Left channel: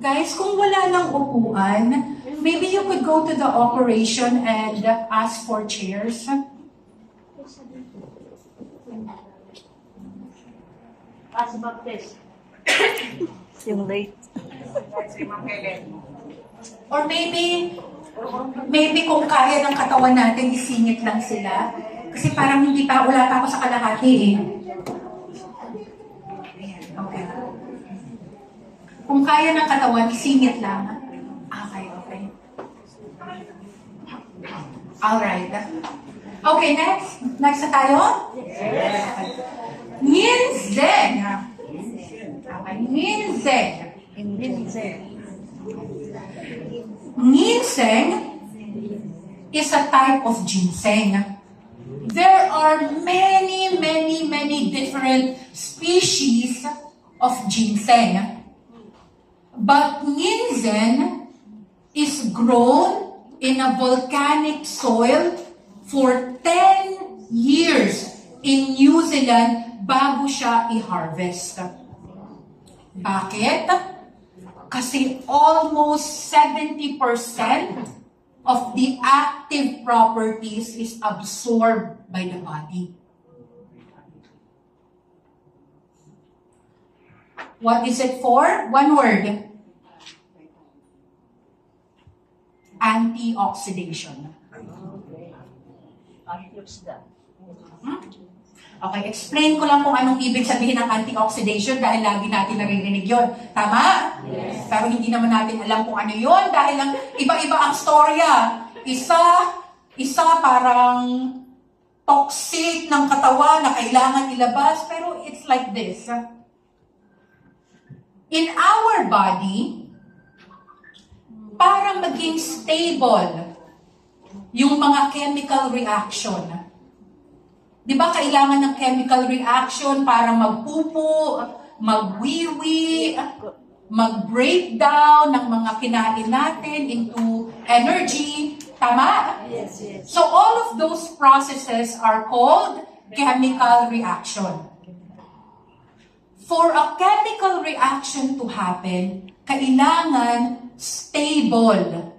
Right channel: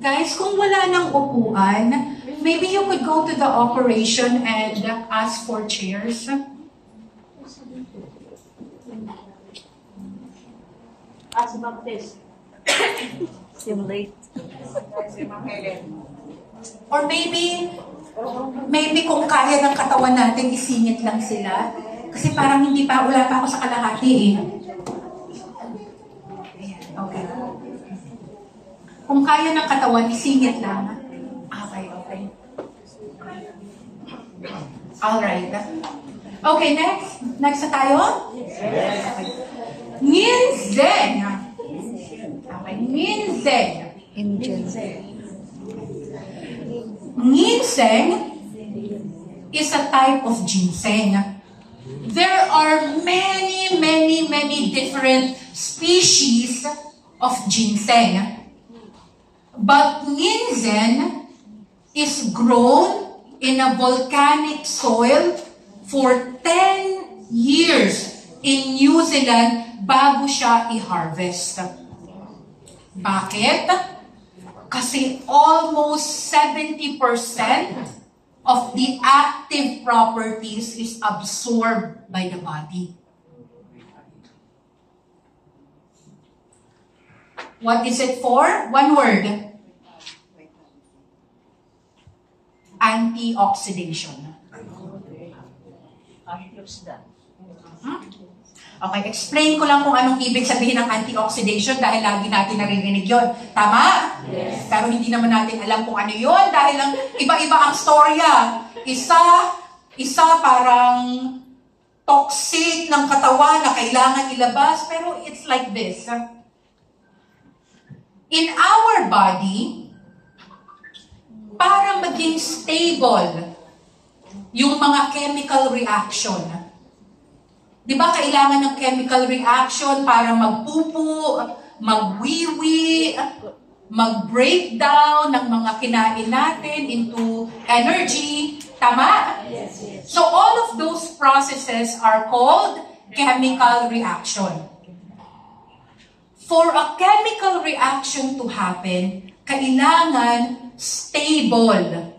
Guys, kung wala ng upuan, maybe you could go to the operation and ask for chairs. As Baptist. Simulate. Or maybe kung kaya ng katawan natin, isingit lang sila. Kasi parang wala pa ako sa kalahati eh. Okay. Kung kaya ng katawan, isingit lang. Okay. Alright. Okay, next. Next na tayo? Yes. Ginseng. Okay, ginseng. Ginseng is a type of ginseng. There are many different species of ginseng. But ginseng is grown in a volcanic soil for 10 years in New Zealand bago siya i-harvest. Bakit? Kasi almost 70% of the active properties is absorbed by the body. What is it for? One word. Antioxidation. Okay, explain ko lang kung anong ibig sabihin ng antioxidation dahil lagi natin naririnig yun. Tama? Yes. Pero hindi naman natin alam kung ano yun dahil lang iba-iba ang storya. Isa parang toxic ng katawan na kailangan ilabas, pero it's like this. In our body, para maging stable yung mga chemical reaction. Di ba kailangan ng chemical reaction para magpupo, magwiwi, mag-breakdown ng mga kinain natin into energy. Tama? Yes. So all of those processes are called chemical reaction. For a chemical reaction to happen, kailangan stable.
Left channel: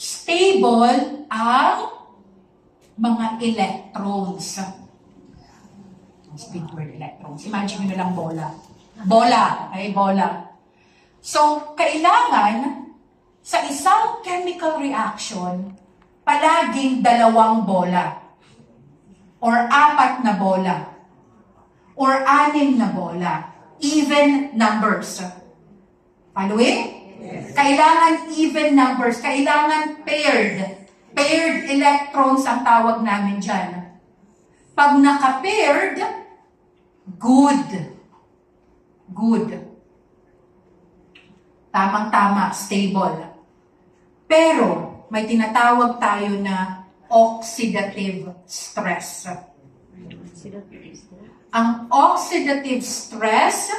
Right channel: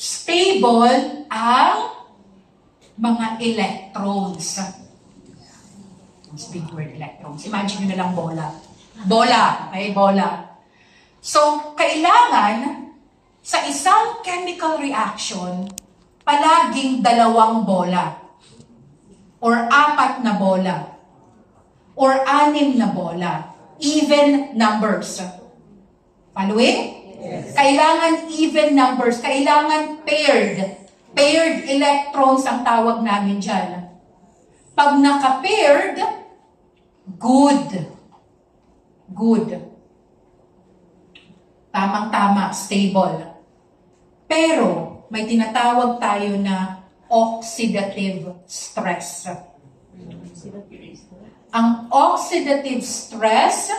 Stable ang mga electrons. Mas big word, electrons. Imagine nyo na lang bola. Bola. Okay, bola. So, kailangan sa isang chemical reaction, palaging 2 bola. Or 4 na bola. Or 6 na bola. Even numbers. Following? Yes. Kailangan even numbers. Kailangan paired. Paired electrons ang tawag namin dyan. Pag naka-paired, good. Good. Tamang-tama, stable. Pero, may tinatawag tayo na oxidative stress. Ang oxidative stress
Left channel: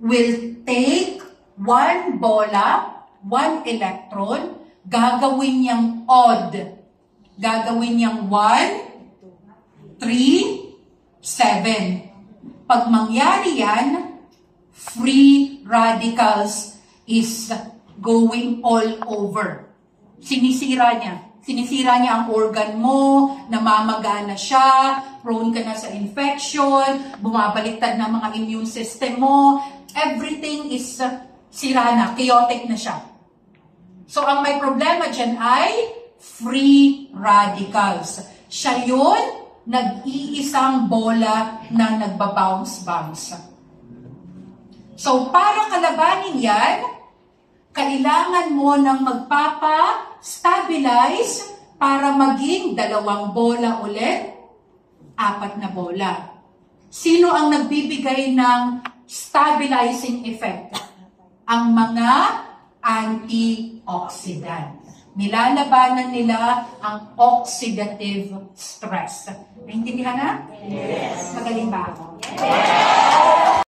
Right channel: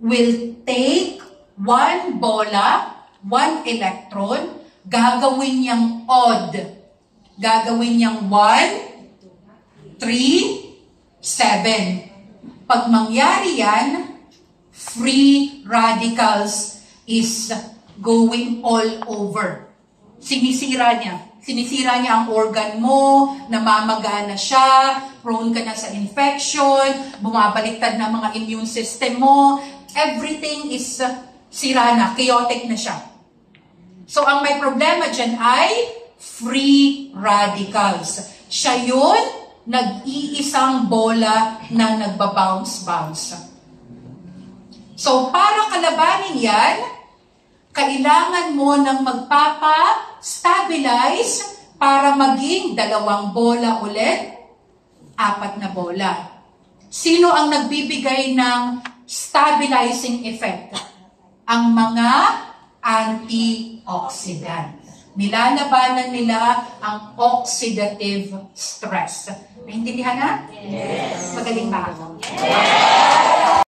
will take 1 bola, 1 electron, gagawin niyang odd. Gagawin niyang 1, 3, 7. Pag mangyari yan, free radicals is going all over. Sinisira niya. Sinisira niya ang organ mo, namamagana siya, prone ka na sa infection, bumabaliktad na mga immune system mo, everything is sira na, chaotic na siya. So, ang may problema dyan ay free radicals. Siya yun, nag-iisang bola na nagbabounce-bounce. So, para kalabanin yan, kailangan mo ng magpapa-stabilize para maging 2 bola ulit, 4 na bola. Sino ang nagbibigay ng stabilizing effect? Ang mga antioxidant. Nilalabanan nila ang oxidative stress. Naintindihan na? Yes. Magaling ba ako? Yes.